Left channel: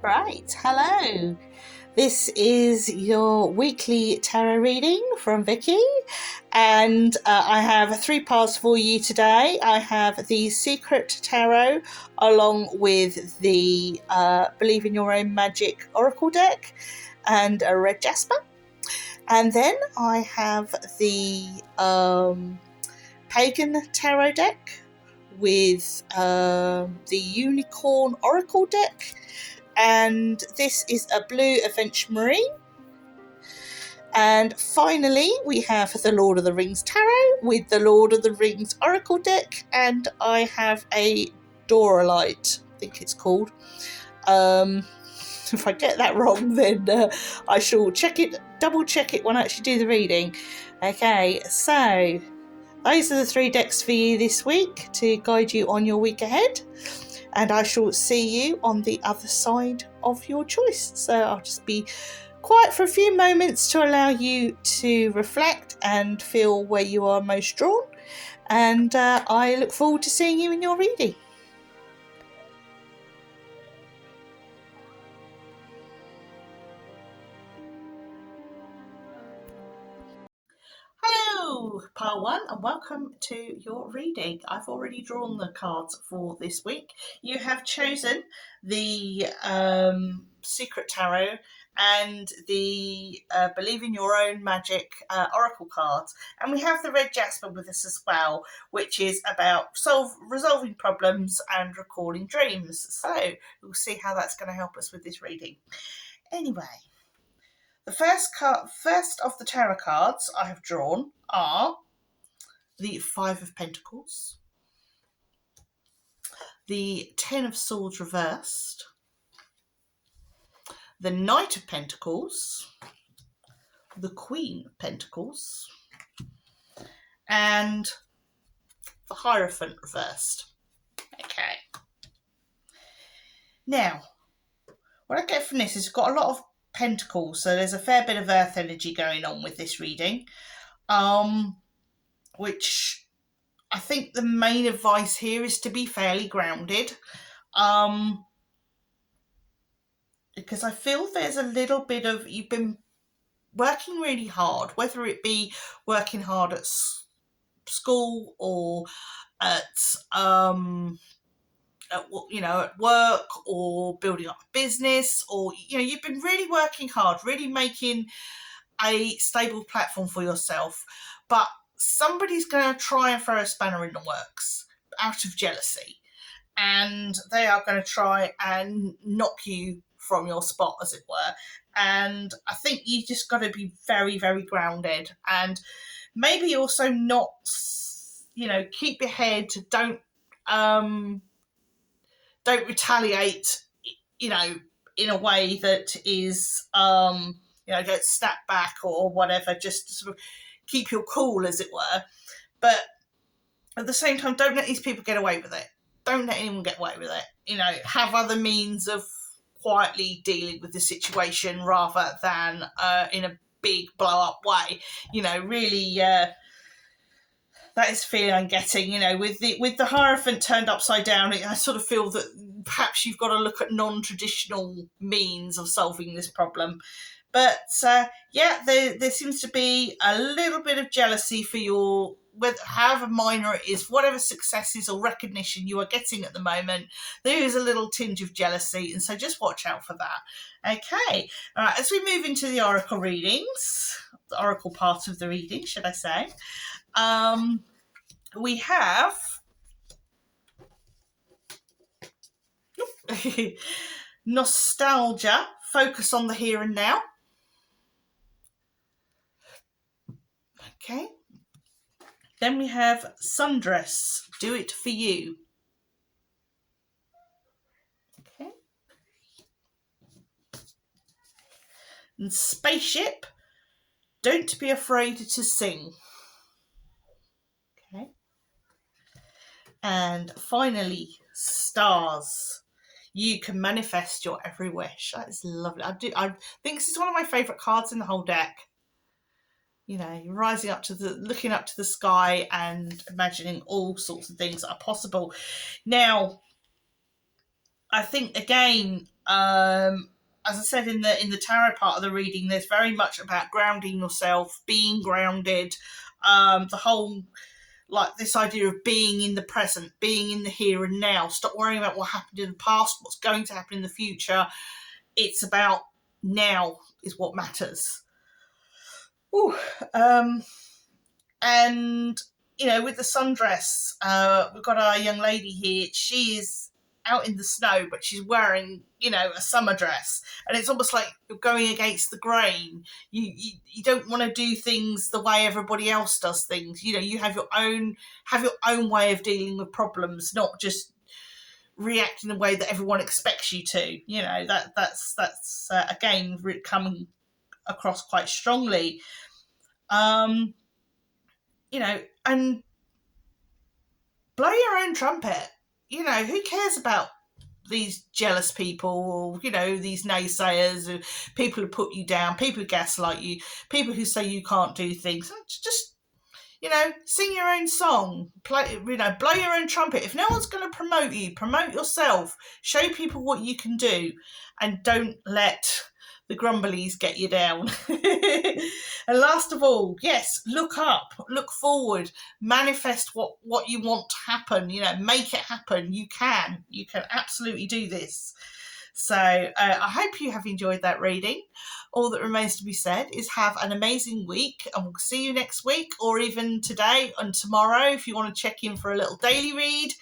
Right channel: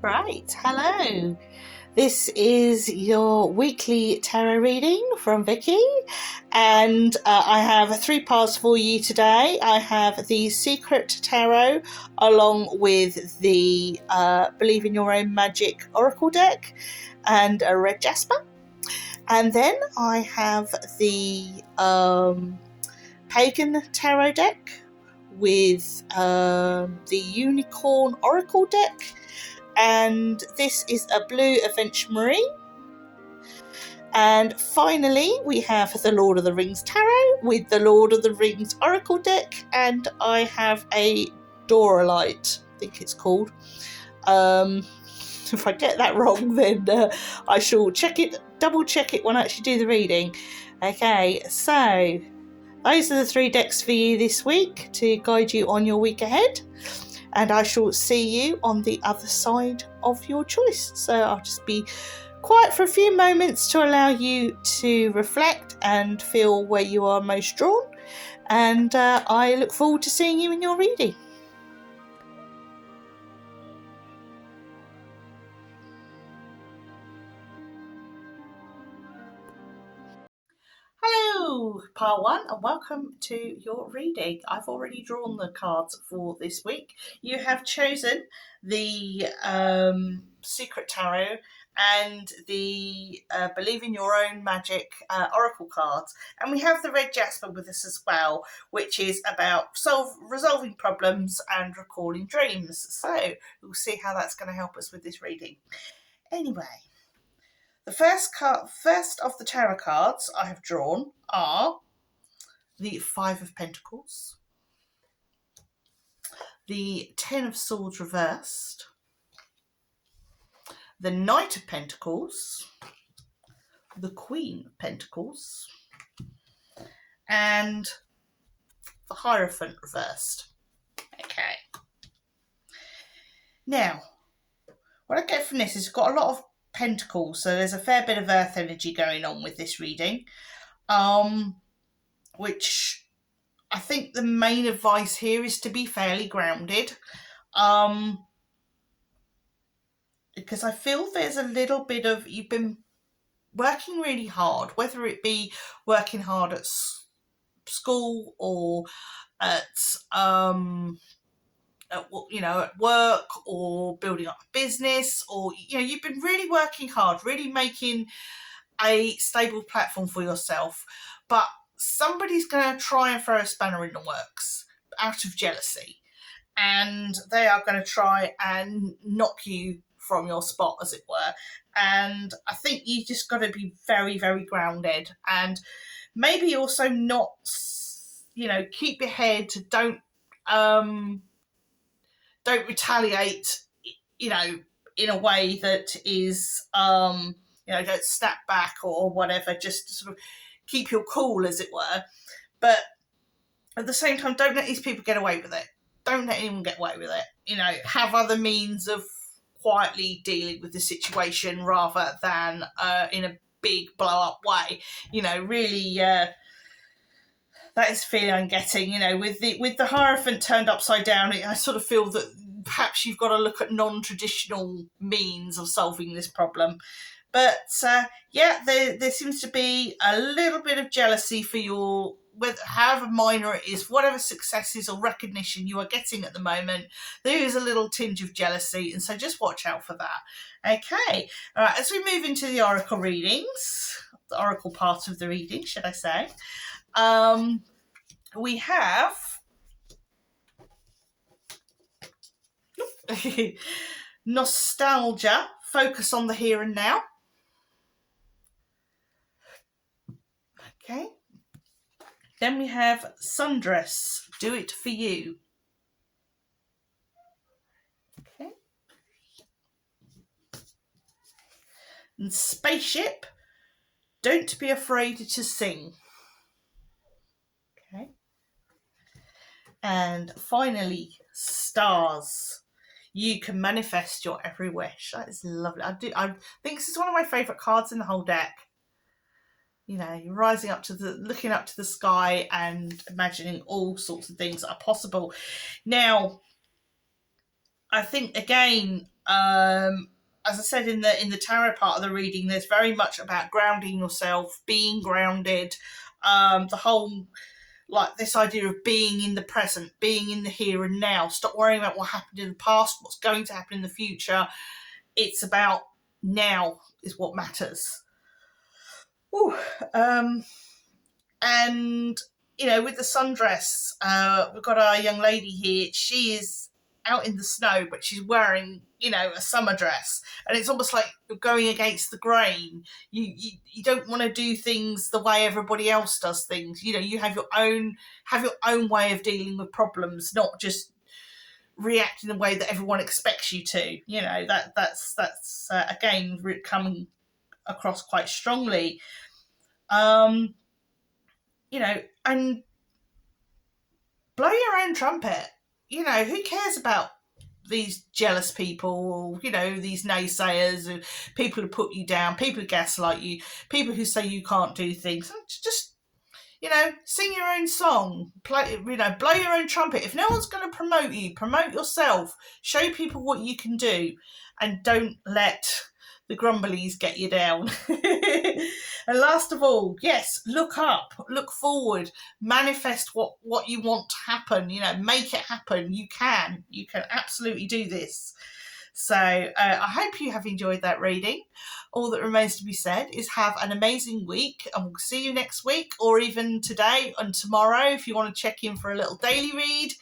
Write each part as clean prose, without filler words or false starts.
Right, hello. This is your weekly tarot reading from Vicky, and I have three parts for you today. I have the Secret Tarot along with the Believe in Your Own Magic Oracle deck and a Red Jasper. And then I have the Pagan Tarot deck with the Unicorn Oracle deck. And this is a blue Adventure Marine. And finally, we have the Lord of the Rings Tarot with the Lord of the Rings Oracle deck, and I have a Doralite, I think it's called. If I get that wrong, then I shall double check it when I actually do the reading. Okay, so those are the three decks for you this week to guide you on your week ahead. And I shall see you on the other side of your choice. So I'll just be quiet for a few moments to allow you to reflect and feel where you are most drawn. And I look forward to seeing you in your reading. Hello, Part 1, and welcome to your reading. I've already drawn the cards for this week. You have chosen the Secret Tarot and the Believe in Your Own Magic Oracle cards. And we have the Red Jasper with us as well, which is about resolving problems and recalling dreams. So we'll see how that's going to help us with this reading. Anyway. The first of the tarot cards I have drawn are the Five of Pentacles, the Ten of Swords reversed, the Knight of Pentacles, the Queen of Pentacles, and the Hierophant reversed. Okay. Now, what I get from this is it's got a lot of pentacles, so there's a fair bit of earth energy going on with this reading, which I think the main advice here is to be fairly grounded, because I feel there's a little bit of, you've been working really hard, whether it be working hard at school or at work or building up a business, or you've been really working hard, really making a stable platform for yourself, but somebody's going to try and throw a spanner in the works out of jealousy, and they are going to try and knock you from your spot, as it were. And I think you just got to be very, very grounded, and maybe also not, keep your head, don't retaliate, in a way that is, don't snap back or whatever, just sort of keep your cool, as it were. But at the same time, don't let these people get away with it. Don't let anyone get away with it. Have other means of quietly dealing with the situation rather than in a big blow-up way. Really... that is the feeling I'm getting, with the Hierophant turned upside down. I sort of feel that perhaps you've got to look at non-traditional means of solving this problem. But there seems to be a little bit of jealousy for your, however minor it is, whatever successes or recognition you are getting at the moment. There is a little tinge of jealousy, and so just watch out for that. Okay, all right. As we move into the oracle readings, the oracle part of the reading, should I say? We have Nostalgia, focus on the here and now. Okay. Then we have Sundress, do it for you. Okay. And Spaceship, don't be afraid to sing. Okay. And finally, Stars, you can manifest your every wish. That is lovely. I think this is one of my favourite cards in the whole deck. You're rising up looking up to the sky and imagining all sorts of things that are possible. Now, I think, again, As I said in the tarot part of the reading, there's very much about grounding yourself, being grounded. The whole, like, this idea of being in the present, being in the here and now. Stop worrying about what happened in the past, what's going to happen in the future. It's about now is what matters. Ooh, and you know, with the sundress, we've got our young lady here. She is out in the snow, but she's wearing, you know, a summer dress, and it's almost like you're going against the grain. You don't want to do things the way everybody else does things. You know, you have your own way of dealing with problems, not just react in the way that everyone expects you to. You know, that's again coming across quite strongly. You know, and blow your own trumpet. You know, who cares about these jealous people, you know, these naysayers, people who put you down, people who gaslight you, people who say you can't do things. Just, you know, sing your own song, play, you know, blow your own trumpet. If no one's going to promote you, promote yourself, show people what you can do, and don't let the grumblies get you down. And last of all, yes, look up, look forward, manifest what you want to happen, you know, make it happen. You can absolutely do this. So I hope you have enjoyed that reading. All that remains to be said is have an amazing week, and we'll see you next week, or even today and tomorrow if you want to check in for a little daily read.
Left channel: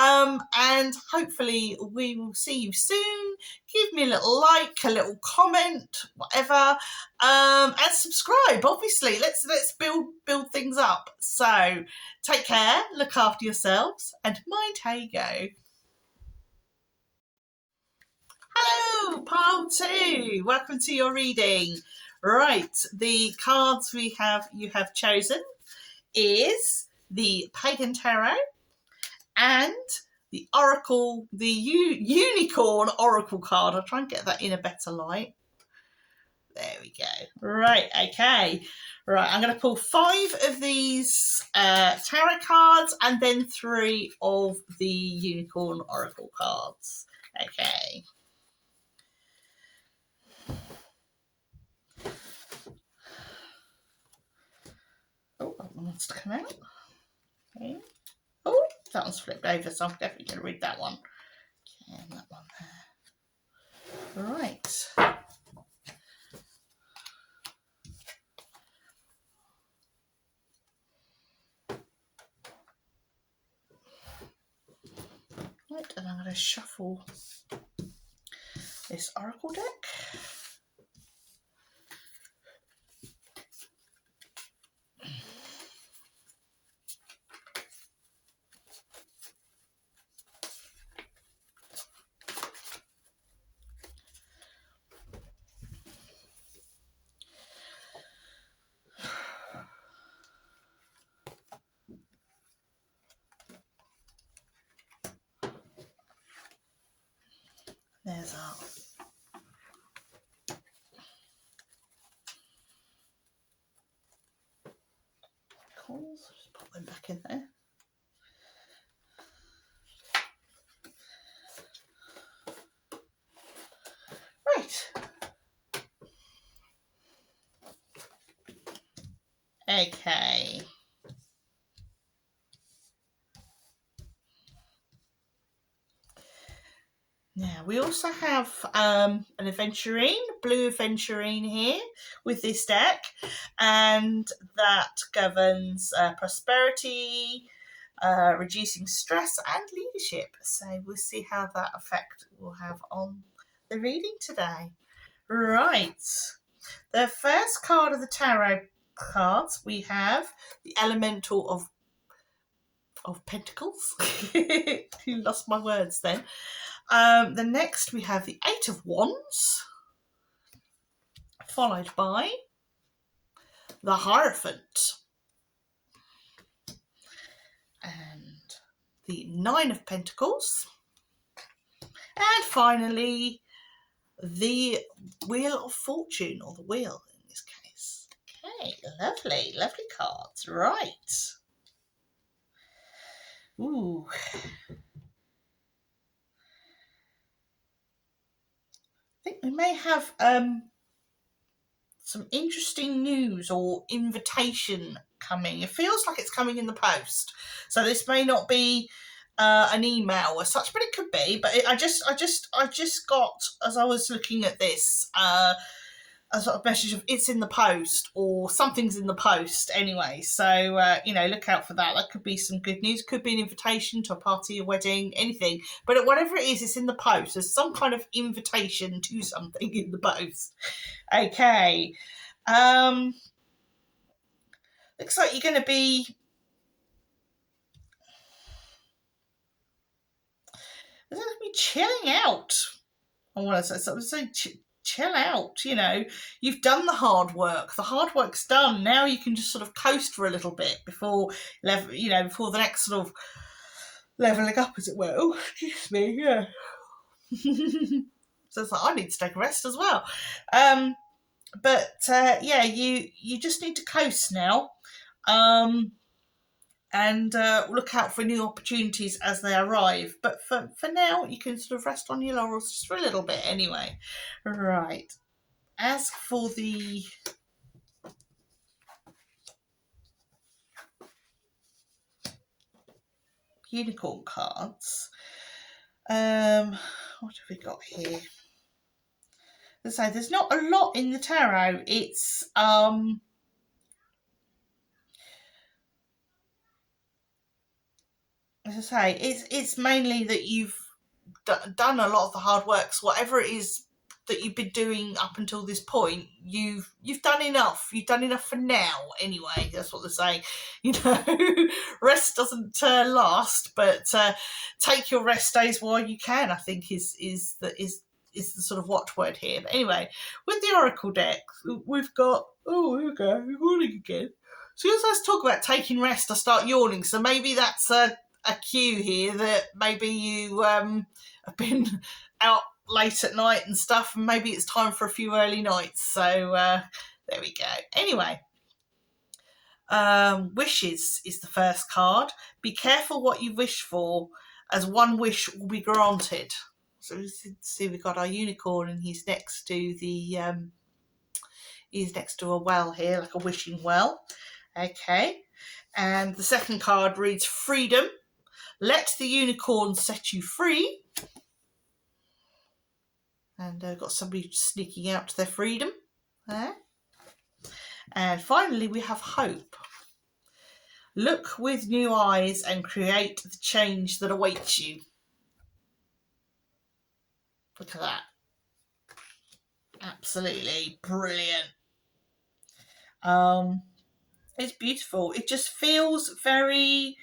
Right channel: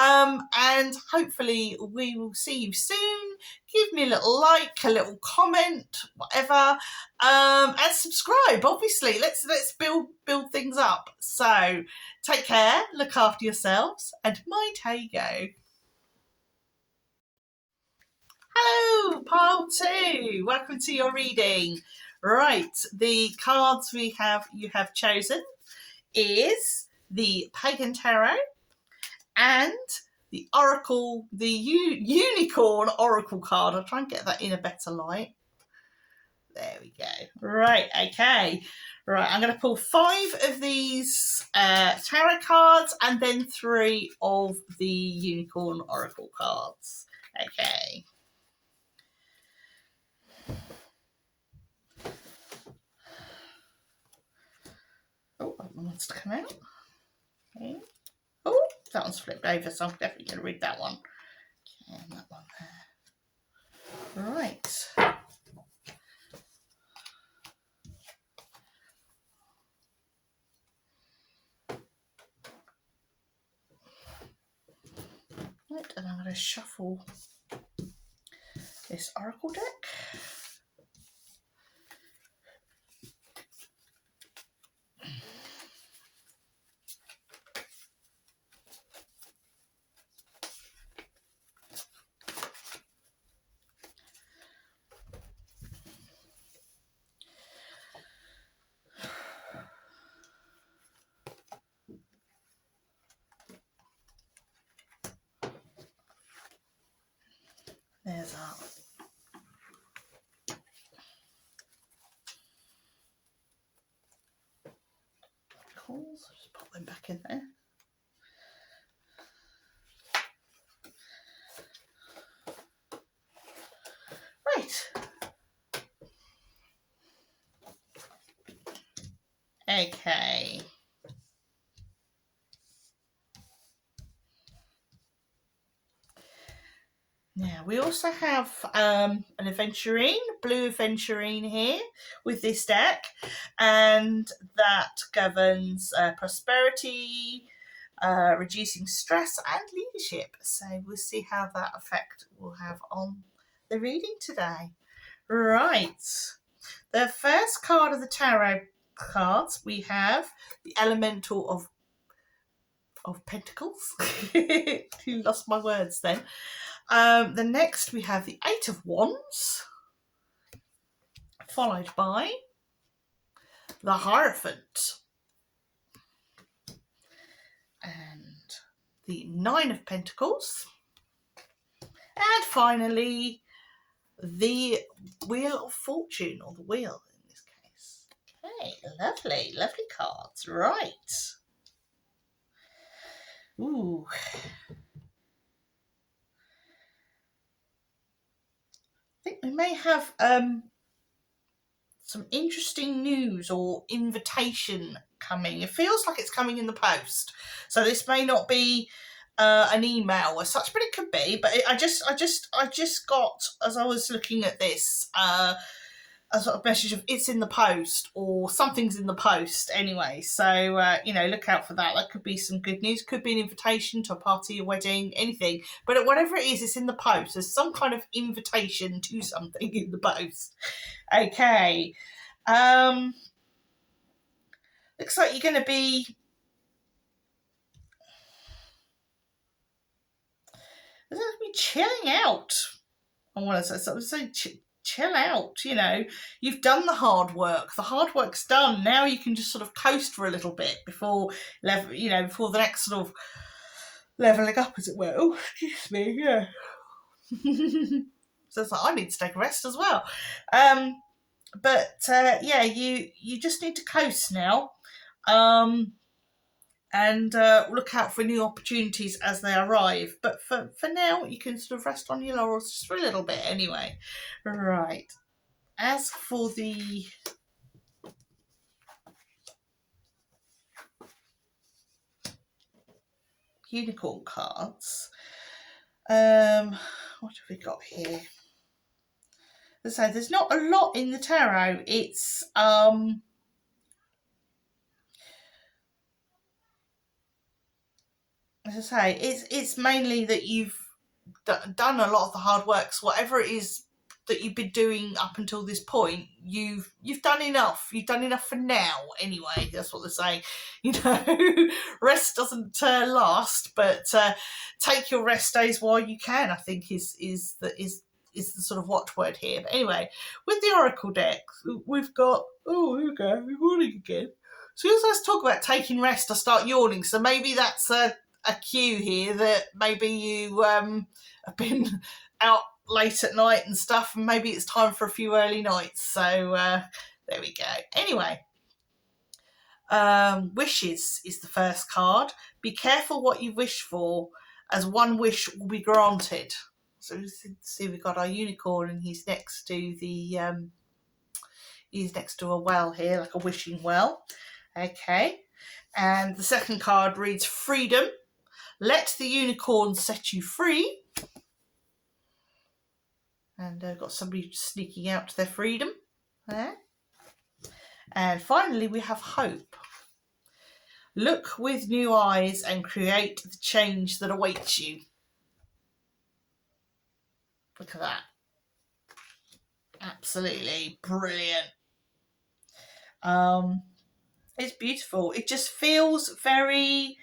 And hopefully we will see you soon. Give me a little like, a little comment, whatever, and subscribe. Obviously, let's build things up. So take care, look after yourselves, and mind how you go. Hello, pile 2. Welcome to your reading. Right, the cards you have chosen is the Pagan Tarot and the Oracle, the Unicorn Oracle card. I'll try and get that in a better light. There we go. Right, okay. Right, I'm going to pull 5 of these tarot cards and then 3 of the Unicorn Oracle cards. Okay. Oh, that one wants to come out. Okay. Oh, that one's flipped over, so I'm definitely going to read that one. Okay, and that one there. Right. Right, and I'm going to shuffle this Oracle deck. There's our calls. Just pop them back in there. Right. Okay. Now, we also have an aventurine, blue aventurine here with this deck, and that governs prosperity, reducing stress and leadership. So we'll see how that effect will have on the reading today. Right. The first card of the tarot cards, we have the Elemental of Pentacles. You lost my words then. The next we have the 8 of Wands, followed by the Hierophant, and the 9 of Pentacles, and finally the Wheel of Fortune, or the Wheel in this case. Okay, lovely, lovely cards. Right. Ooh. may have some interesting news or invitation coming. It feels like it's coming in the post, so this may not be an email or such, but it could be. But I just got, as I was looking at this, a sort of message of it's in the post or something's in the post anyway. So, look out for that. That could be some good news. Could be an invitation to a party, a wedding, anything. But whatever it is, it's in the post. There's some kind of invitation to something in the post. Okay. Looks like you're going to be... chilling out. I want to say chill out. You've done the hard work. The hard work's done. Now you can just sort of coast for a little bit before before the next sort of leveling up, as it were. Oh, excuse me, yeah. So it's like, I need to take a rest as well. You just need to coast now. And look out for new opportunities as they arrive. But for now, you can sort of rest on your laurels just for a little bit anyway. Right. As for the unicorn cards, what have we got here? As I say, there's not a lot in the tarot. It's as I say, it's mainly that you've done a lot of the hard work. So whatever it is that you've been doing up until this point, you've done enough. You've done enough for now, anyway. That's what they're saying. Rest doesn't last, but take your rest days while you can, I think is the sort of watchword here. But anyway, with the Oracle deck, we've got... Oh, here we go. We're yawning again. As soon as I talk about taking rest, I start yawning. So maybe that's a cue here that maybe you have been out late at night and stuff, and maybe it's time for a few early nights. So there we go. Anyway, wishes is the first card. Be careful what you wish for, as one wish will be granted. So see, we've got our unicorn, and he's next to the he's next to a well here, like a wishing well. Okay, and the second card reads freedom. Let the unicorn set you free. And I've got somebody sneaking out to their freedom there. And finally, we have hope. Look with new eyes and create the change that awaits you. Look at that. Absolutely brilliant. It's beautiful. It just feels very...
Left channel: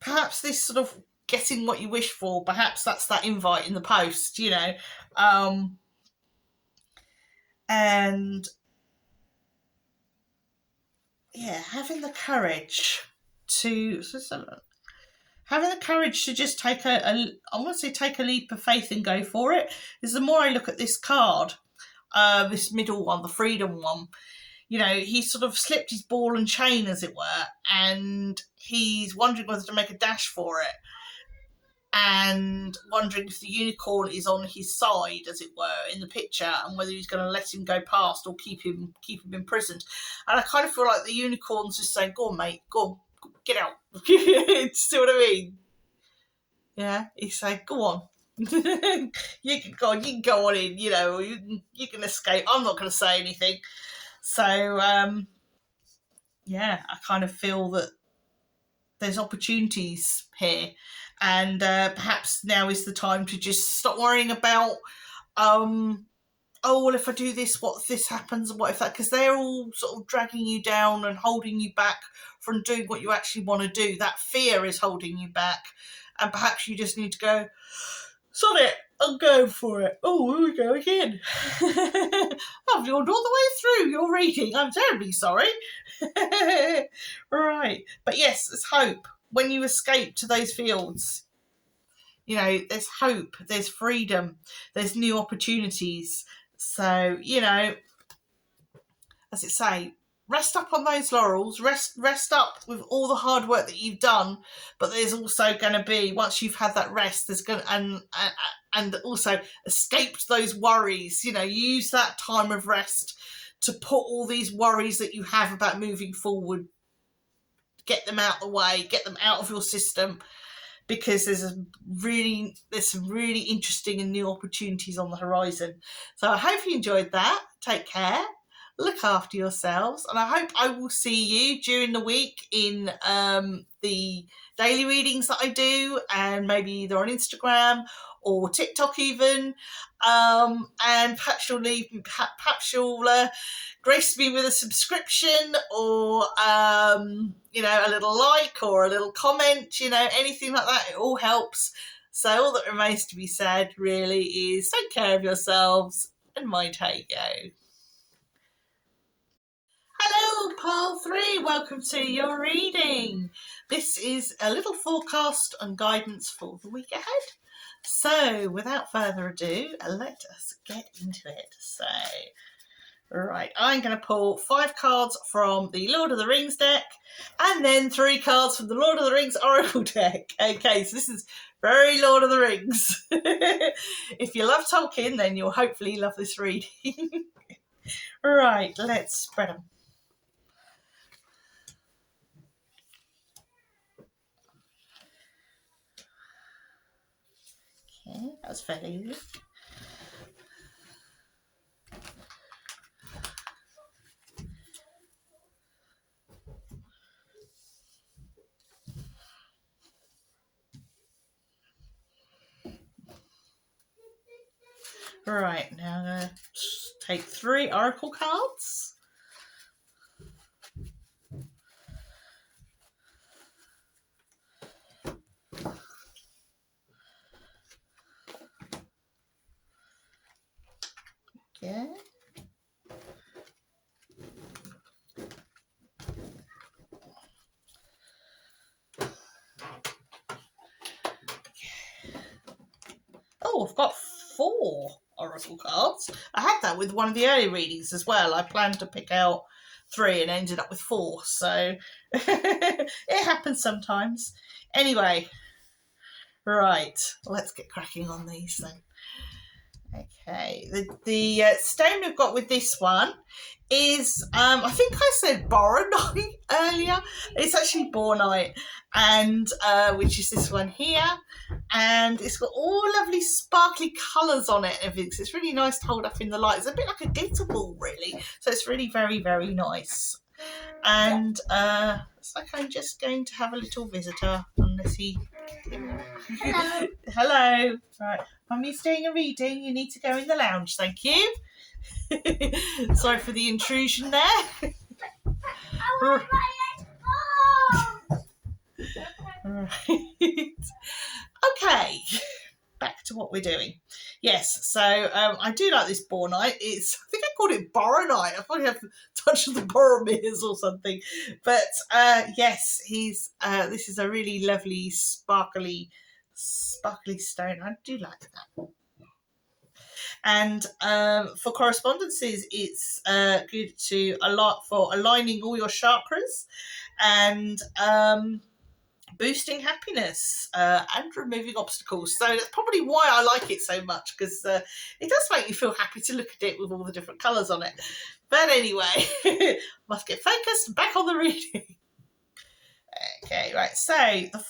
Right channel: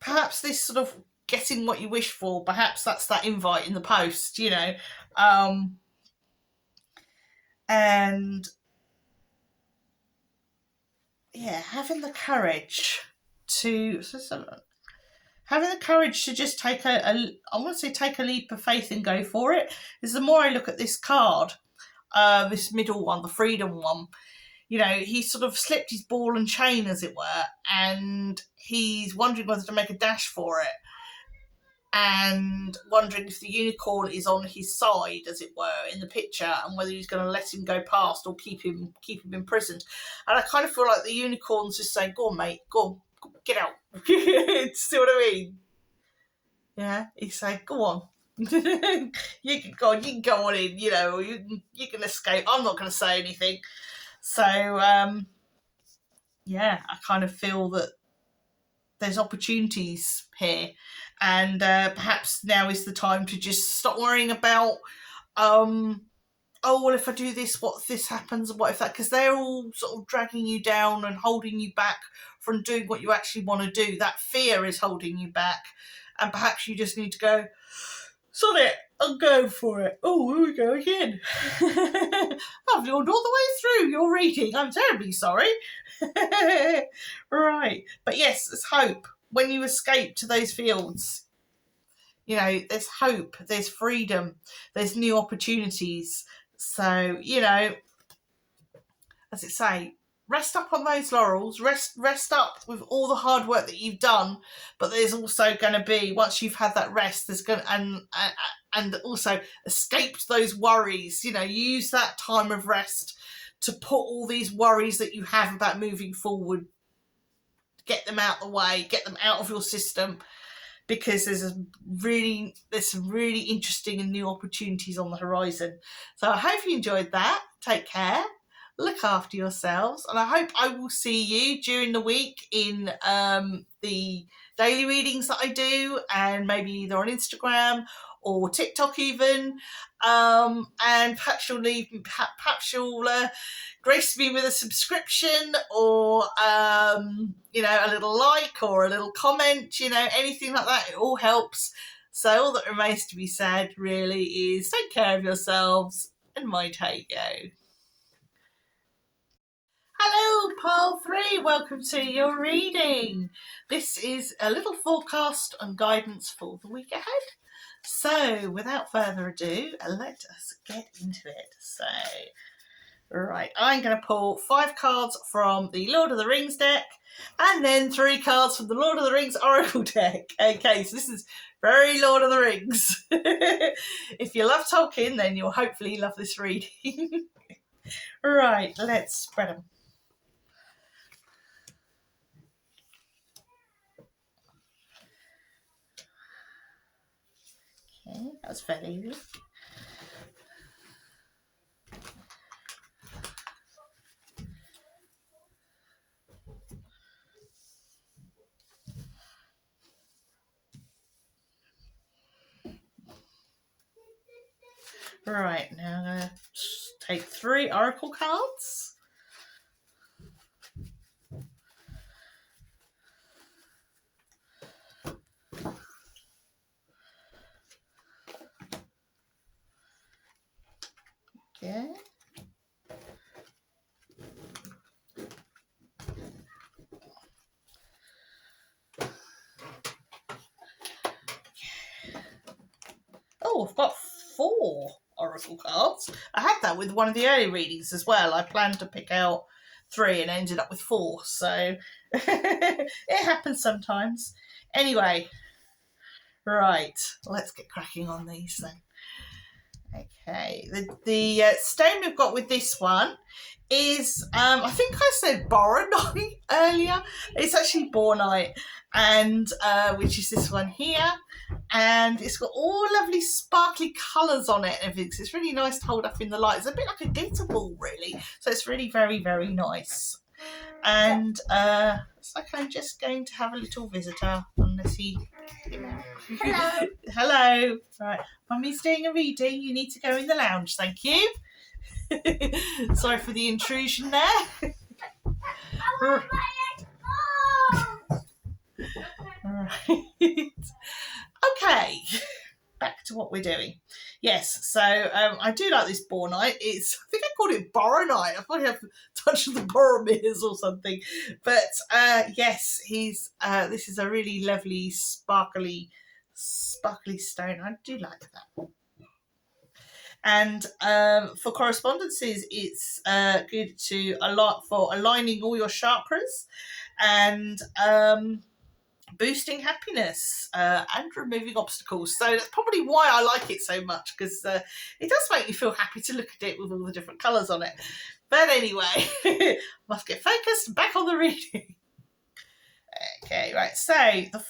perhaps this sort of getting what you wish for, perhaps that's that invite in the post, and having the courage to just take I want to say take a leap of faith and go for it. Is the more I look at this card, this middle one, the freedom one, he sort of slipped his ball and chain, as it were, and he's wondering whether to make a dash for it, and wondering if the unicorn is on his side, as it were, in the picture, and whether he's going to let him go past or keep him imprisoned. And I kind of feel like the unicorn's just saying, "Go on, mate, go on, get out." See what I mean? Yeah, he's saying, "Go on." You can go on in, you can escape. I'm not going to say anything. So, I kind of feel that there's opportunities here, and perhaps now is the time to just stop worrying about, well, if I do this, what if this happens, and what if that, because they're all sort of dragging you down and holding you back from doing what you actually want to do. That fear is holding you back, and perhaps you just need to go, sod it, I'm going for it. Oh, here we go again. I've yawned all the way through your reading. I'm terribly sorry. Right. But yes, there's hope. When you escape to those fields, there's hope, there's freedom, there's new opportunities. So, as it say, rest up on those laurels, rest up with all the hard work that you've done, but there's also going to be, once you've had that rest, there's going to, and also escaped those worries, you know, use that time of rest to put all these worries that you have about moving forward, get them out of the way, get them out of your system, because there's some really interesting and new opportunities on the horizon. So I hope you enjoyed that. Take care. Look after yourselves, and I hope I will see you during the week in the daily readings that I do, and maybe either on Instagram or TikTok even, and perhaps you'll grace me with a subscription, or you know, a little like or a little comment, you know, anything like that. It all helps. So all that remains to be said really is take care of yourselves and mind how you go. Hello, Pile 3, welcome to your reading. This is a little forecast and guidance for the week ahead. So, without further ado, let us get into it. So, right, I'm going to pull 5 cards from the Lord of the Rings deck, and then 3 cards from the Lord of the Rings Oracle deck. Okay, so this is very Lord of the Rings. If you love Tolkien, then you'll hopefully love this reading. Right, let's spread them. Okay, that's fairly easy. Right, now I'm going to take 3 Oracle cards. Okay. Oh, I've got 4 Oracle cards. I had that with one of the early readings as well. I planned to pick out 3 and ended up with 4. So it happens sometimes. Anyway, right, let's get cracking on these then. Okay, the stone we've got with this one is, I think I said boronite earlier. It's actually bornite, and which is this one here. And it's got all lovely sparkly colours on it and everything. So it's really nice to hold up in the light. It's a bit like a glitter ball, really. So it's really very, very nice. And it's like I'm just going to have a little visitor, unless he... Hello. Hello. Right. Mummy's doing a reading. You need to go in the lounge. Thank you. Sorry for the intrusion there. Right. Okay. Back to what we're doing. Yes, so I do like this bornite. I think I called it boronite. I probably have touched the Boromirs or something. But yes, this is a really lovely sparkly stone. I do like that. And for correspondences, it's good to for aligning all your chakras and boosting happiness and removing obstacles. So that's probably why I like it so much, because it does make me feel happy to look at it with all the different colours on it. But anyway, must get focused and back on the reading. Okay, right, so the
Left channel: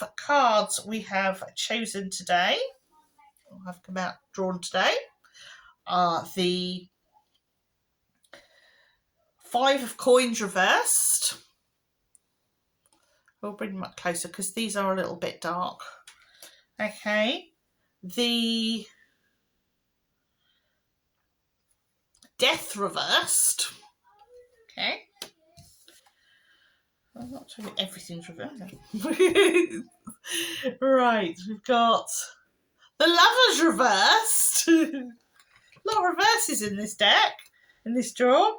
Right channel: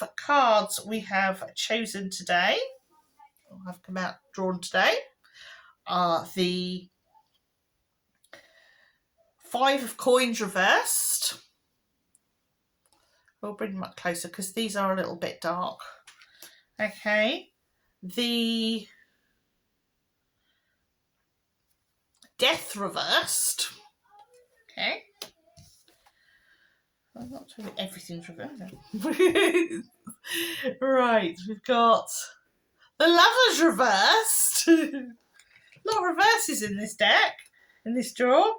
5 cards we have chosen today, or have come out drawn today, are the 5 of coins reversed. We'll bring them up closer because these are a little bit dark. Okay, the death reversed. Okay. I'm not doing everything's reversed. Right, we've got the lovers reversed. A lot of reverses in this deck, in this draw.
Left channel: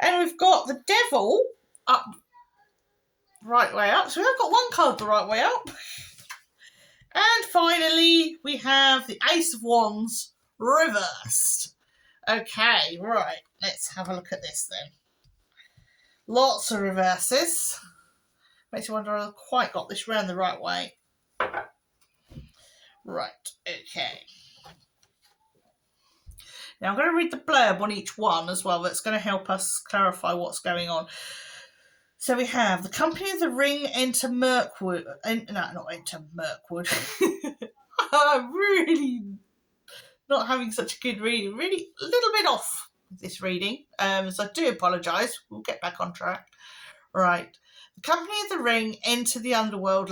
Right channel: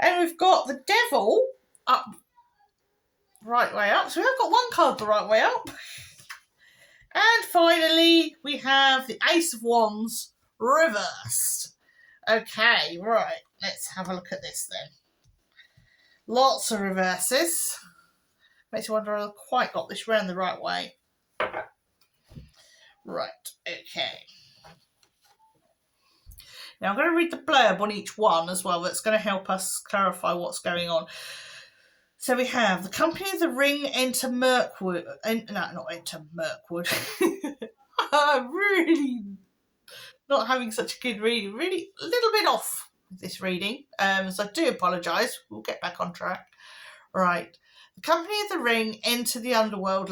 And we've got the devil up, right way up. So we've got 1 card the right way up. And finally, we have the Ace of Wands reversed. Okay, right. Let's have a look at this then. Lots of reverses. Makes you wonder if I quite got this round the right way. Right, okay. Now I'm going to read the blurb on each one as well. That's going to help us clarify what's going on. So we have the Company of the Ring enter Mirkwood. No, not enter Mirkwood. I'm really not having such a good reading. Really a little bit off with this reading. So I do apologise. We'll get back on track. Right. The Company of the Ring enter the underworld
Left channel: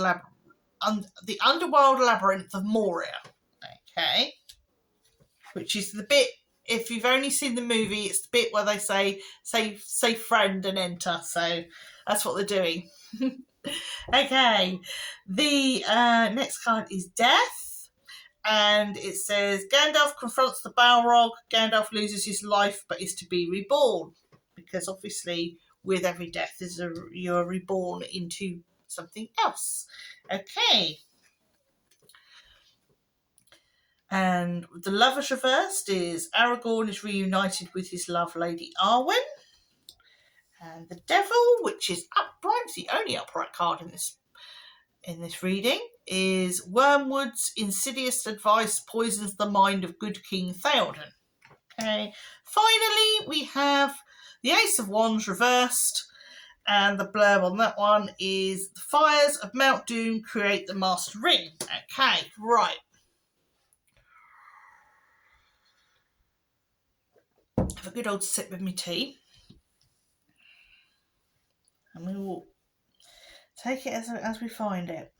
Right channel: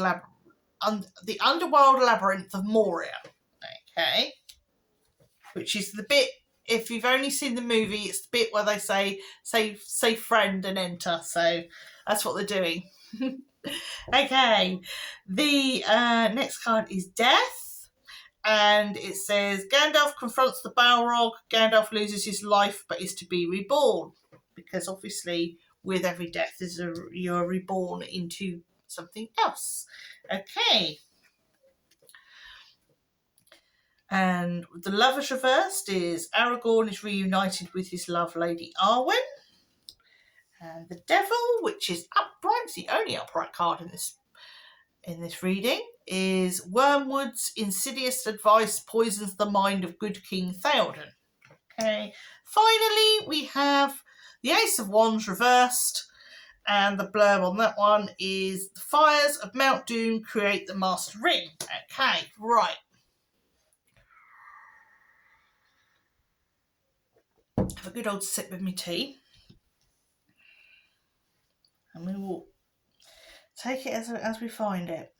labyrinth of Moria. Okay. Which is the bit, if you've only seen the movie, it's the bit where they say friend and enter. So that's what they're doing. Okay. The next card is Death. And it says, Gandalf confronts the Balrog. Gandalf loses his life but is to be reborn. Because obviously, with every death, you're reborn into something else. Okay. And the Lovers reversed is Aragorn is reunited with his love Lady Arwen. And the Devil, which is upright, the only upright card in this reading, is Wormwood's insidious advice poisons the mind of good King Theoden. Okay. Finally, we have the Ace of Wands reversed, and the blurb on that one is the fires of Mount Doom create the Master Ring. Okay, right. Have a good old sip of my tea. And we will take it as we find it.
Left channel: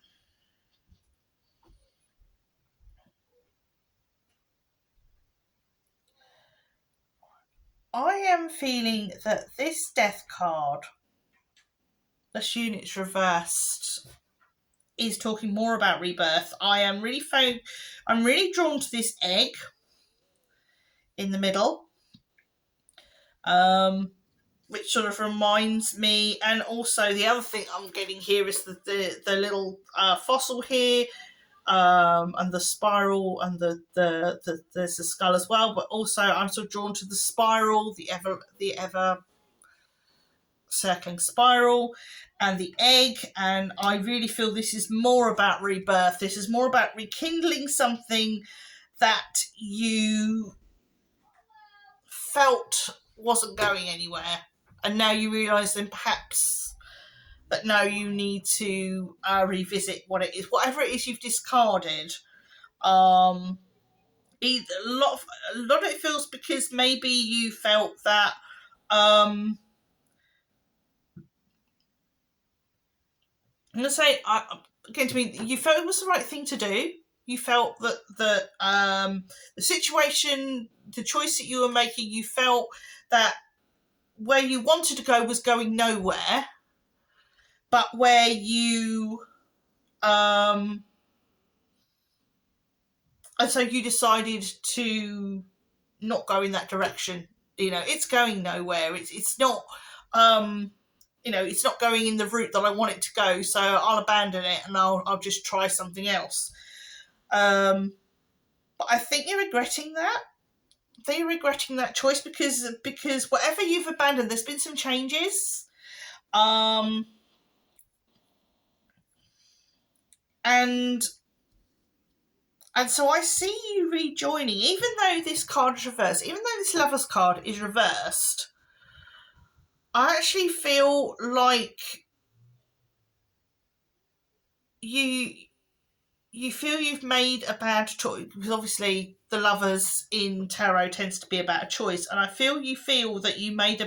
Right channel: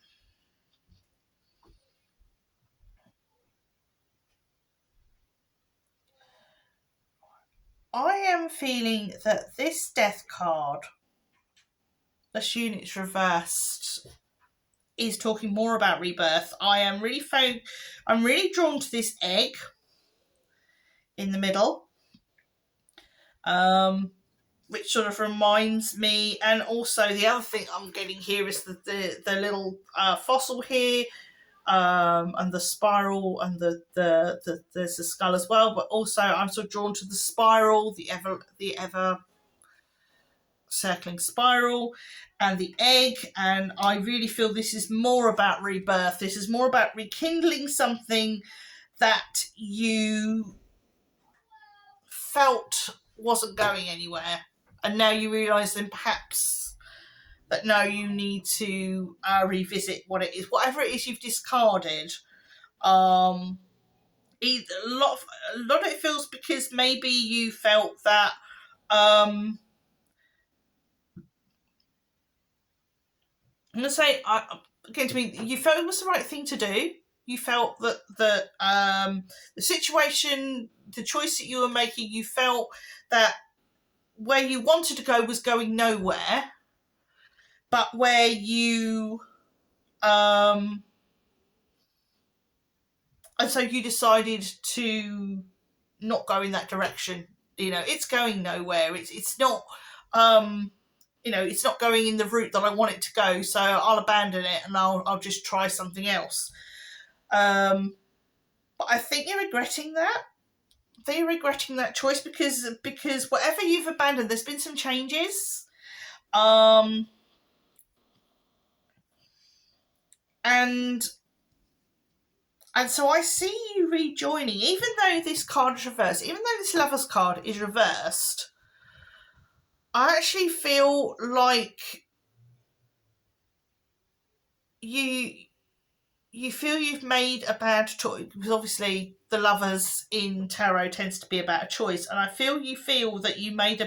I am feeling that this death card, this unit's reversed, is talking more about rebirth. I'm really drawn to this egg in the middle, which sort of reminds me, and also the other thing I'm getting here is the little fossil here, and the spiral, and there's the skull as well. But also, I'm sort of drawn to the spiral, the ever circling spiral, and the egg. And I really feel this is more about rebirth. This is more about rekindling something that you felt wasn't going anywhere, and now you realise then perhaps that now you need to revisit what it is, whatever it is you've discarded. A lot of it feels because maybe you felt that I'm going to say again to me, you felt it was the right thing to do. You felt that the situation, the choice that you were making, you felt that where you wanted to go was going nowhere, but where you and so you decided to not go in that direction. You know, it's going nowhere. It's not it's not going in the route that I want it to go, so I'll abandon it and I'll just try something else. But I think you're regretting that. They're regretting that choice because whatever you've abandoned, there's been some changes. And so I see you rejoining, even though this card is reversed, even though this Lover's card is reversed, I actually feel like you feel you've made a bad choice, because obviously the Lovers in tarot tends to be about a choice, and I feel that you've made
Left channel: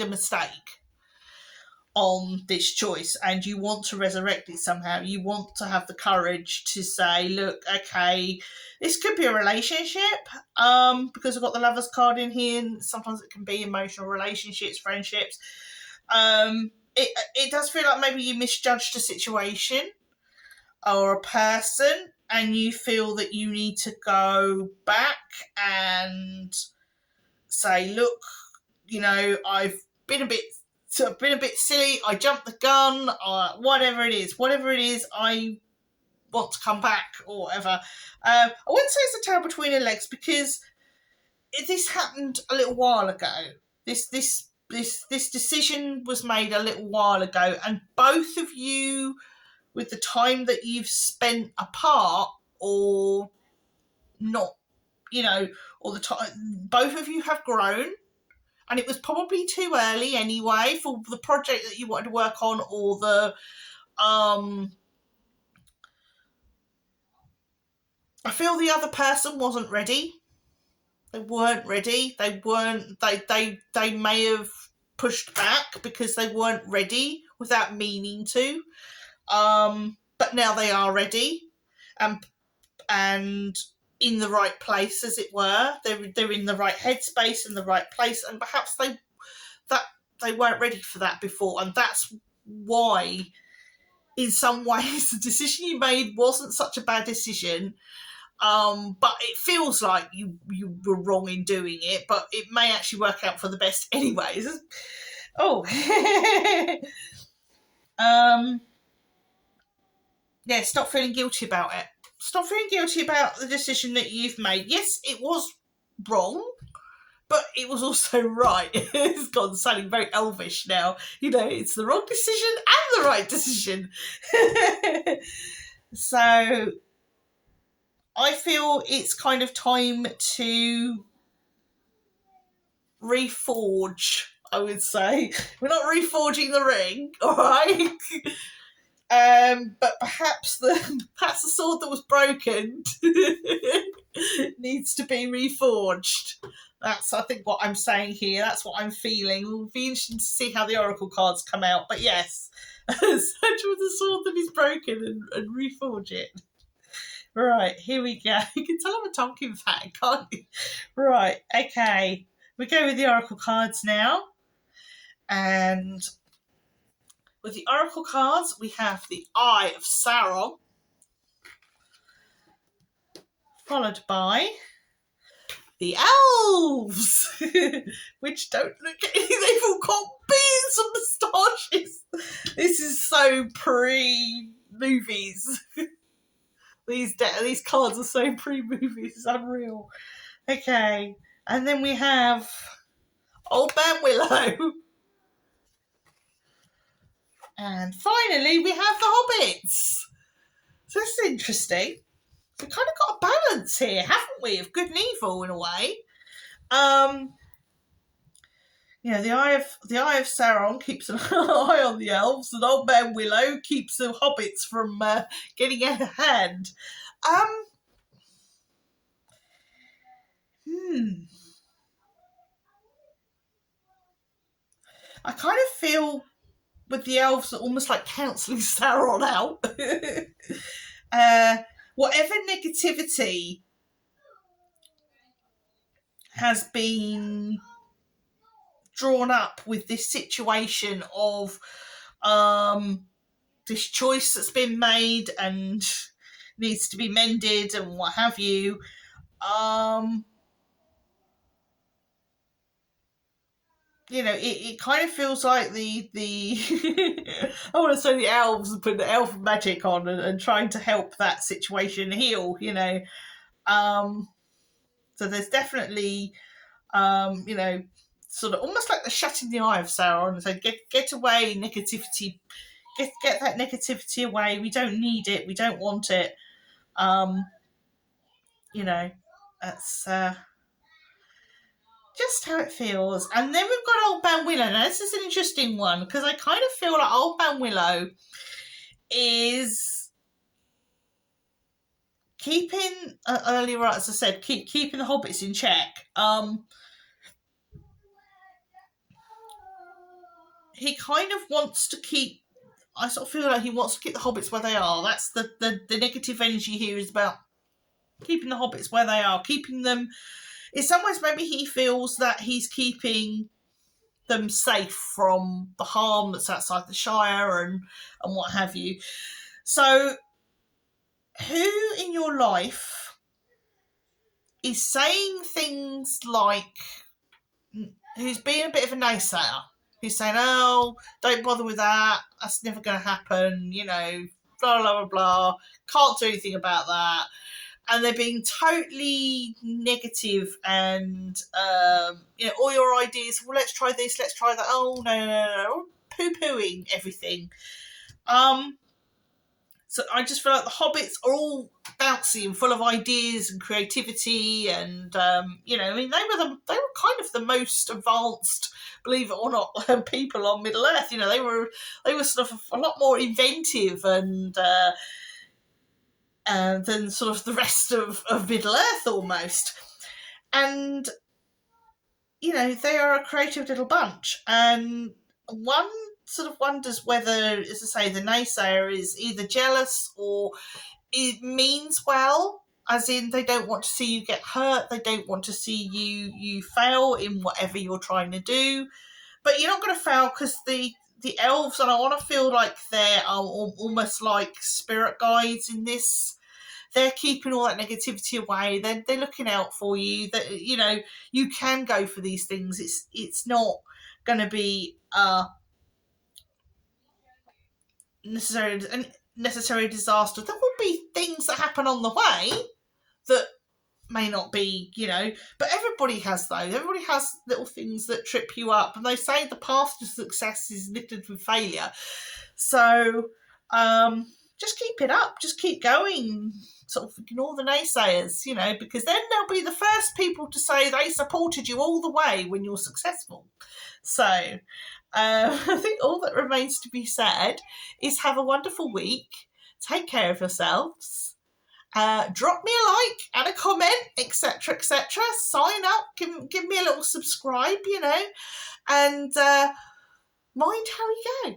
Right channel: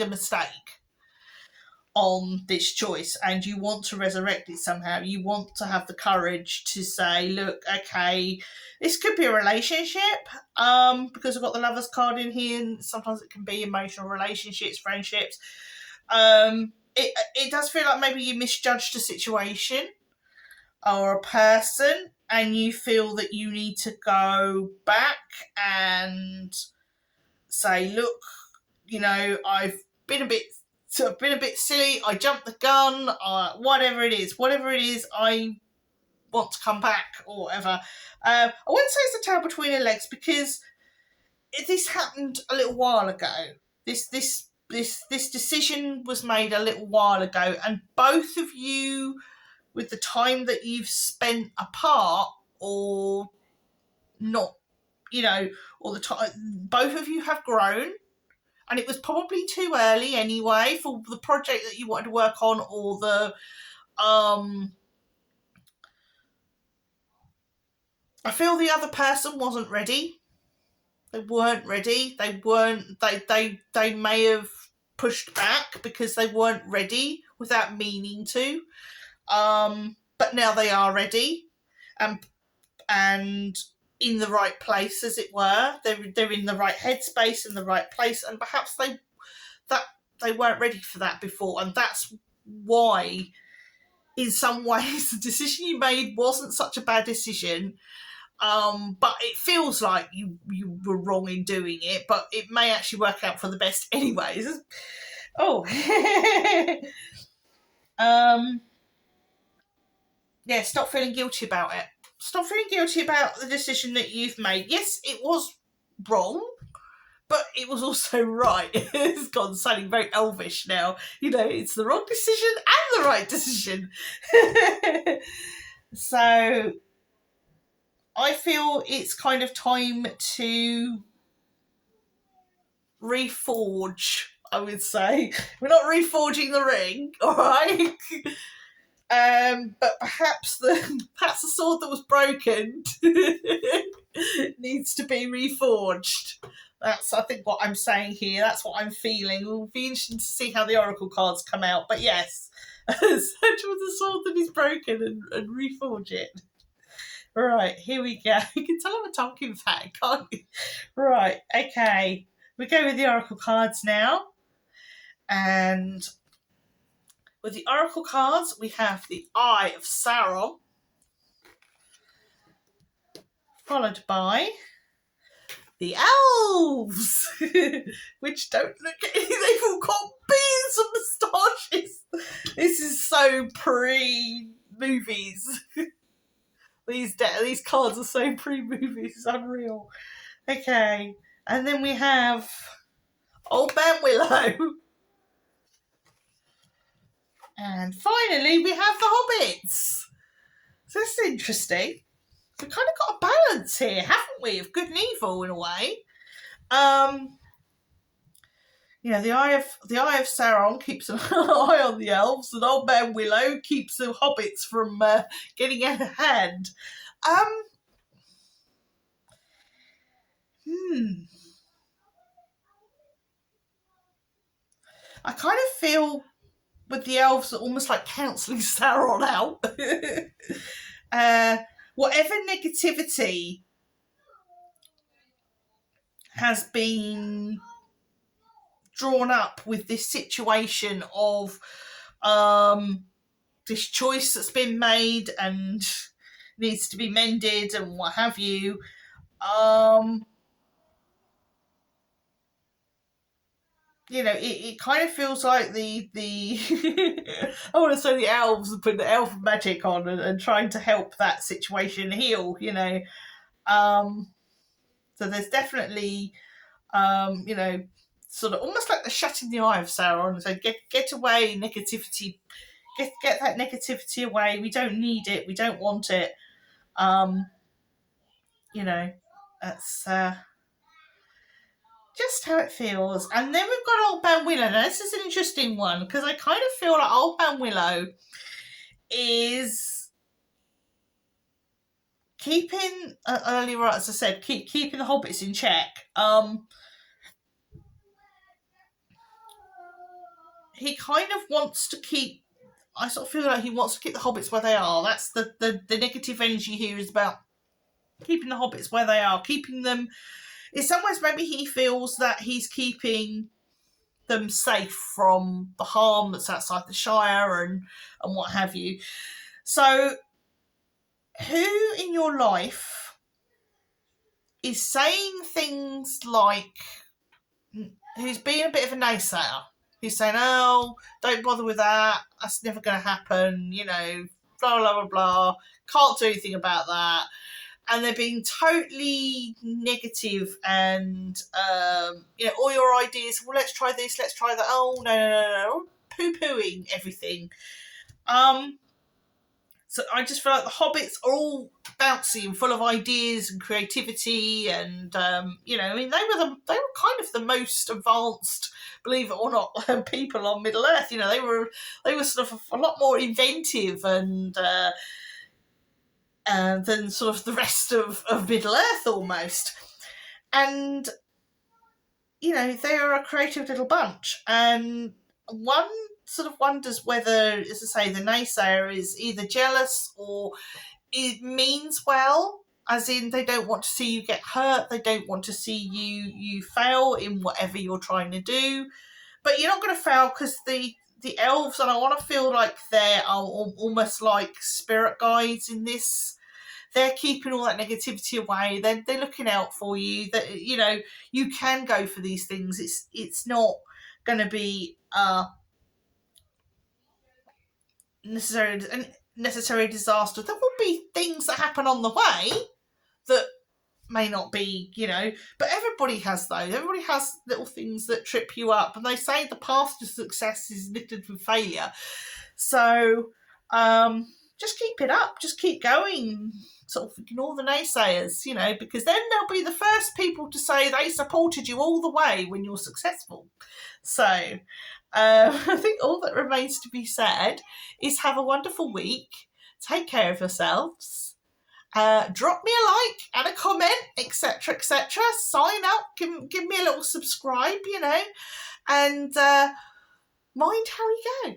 a mistake on this choice, and you want to resurrect it somehow. You want to have the courage to say, look, okay, this could be a relationship, because I've got the Lover's card in here, and sometimes it can be emotional relationships, friendships. It does feel like maybe you misjudged a situation or a person, and you feel that you need to go back and say, look, I've been a bit silly, I jumped the gun, whatever it is, I want to come back, or whatever. I wouldn't say it's a tail between her legs, because this happened a little while ago. This this decision was made a little while ago, and both of you, with the time that you've spent apart or not, or the time, both of you have grown, and it was probably too early anyway for the project that you wanted to work on, or the I feel the other person wasn't ready. They weren't ready. They may have pushed back because they weren't ready without meaning to. But now they are ready, and in the right place, as it were. They're in the right headspace, in the right place, and perhaps they weren't ready for that before, and that's why, in some ways, the decision you made wasn't such a bad decision. But it feels like you were wrong in doing it, but it may actually work out for the best anyways. Oh. Yeah, stop feeling guilty about it. Stop feeling guilty about the decision that you've made. Yes, it was wrong, but it was also right. It's gone sounding very elvish now. It's the wrong decision and the right decision. So I feel it's kind of time to reforge, I would say. We're not reforging the ring, all right? But perhaps the sword that was broken needs to be reforged. That's, I think, what I'm saying here. That's what I'm feeling. It will be interesting to see how the oracle cards come out. But yes, search for the sword that is broken and reforge it. Right, here we go. You can tell I'm a Tonkin fan, can't you? Right, okay. We go with the oracle cards now. And with the oracle cards, we have the Eye of Sauron, followed by the Elves, which don't look anything. They've all got beards and moustaches. This is so pre-movies. These cards are so pre-movies. It's unreal. Okay, and then we have Old Man Willow. And finally, we have the Hobbits. So this is interesting. We've kind of got a balance here, haven't we, of good and evil in a way. The Eye of Sauron keeps an eye on the elves, and Old Man Willow keeps the hobbits from getting out of hand. I kind of feel with the elves are almost like cancelling Sauron out. Whatever negativity has been drawn up with this situation of this choice that's been made and needs to be mended and what have you, it kind of feels like the I want to say the elves are putting the elf magic on and trying to help that situation heal, so there's definitely sort of almost like the shutting the eye of Sauron. So get away, negativity. Get that negativity away. We don't need it. We don't want it. That's just how it feels. And then we've got Old Man Willow. Now, this is an interesting one because I kind of feel like Old Man Willow is keeping, earlier, as I said, keeping the hobbits in check. He kind of wants to keep, I sort of feel like he wants to keep the hobbits where they are. That's the negative energy here is about keeping the hobbits where they are, keeping them. In some ways, maybe he feels that he's keeping them safe from the harm that's outside the Shire and what have you. So, who in your life is saying things like, who's being a bit of a naysayer? Who's saying, oh, don't bother with that, that's never going to happen, blah, blah, blah, blah, can't do anything about that. and they're being totally negative and all your ideas, well, let's try this, let's try that, oh no, poo-pooing everything. So I just feel like the hobbits are all bouncy and full of ideas and creativity, and I mean, they were kind of the most advanced, believe it or not, people on Middle Earth. They were sort of a lot more inventive and than sort of the rest of Middle Earth almost. And they are a creative little bunch, and one sort of wonders whether, as I say, the naysayer is either jealous or it means well, as in they don't want to see you get hurt, they don't want to see you fail in whatever you're trying to do. But you're not going to fail, because the elves, and I want to feel like they are almost like spirit guides in this. They're keeping all that negativity away. They're looking out for you. That you can go for these things. It's not going to be necessary disaster. There will be things that happen on the way that may not be, but everybody has those. Everybody has little things that trip you up, and they say the path to success is littered with failure. So just keep it up, just keep going, sort of ignore the naysayers, because then they'll be the first people to say they supported you all the way when you're successful. So I think all that remains to be said is have a wonderful week, take care of yourselves, drop me a like and a comment, etc., etc. Sign up, give me a little subscribe, and mind how you go.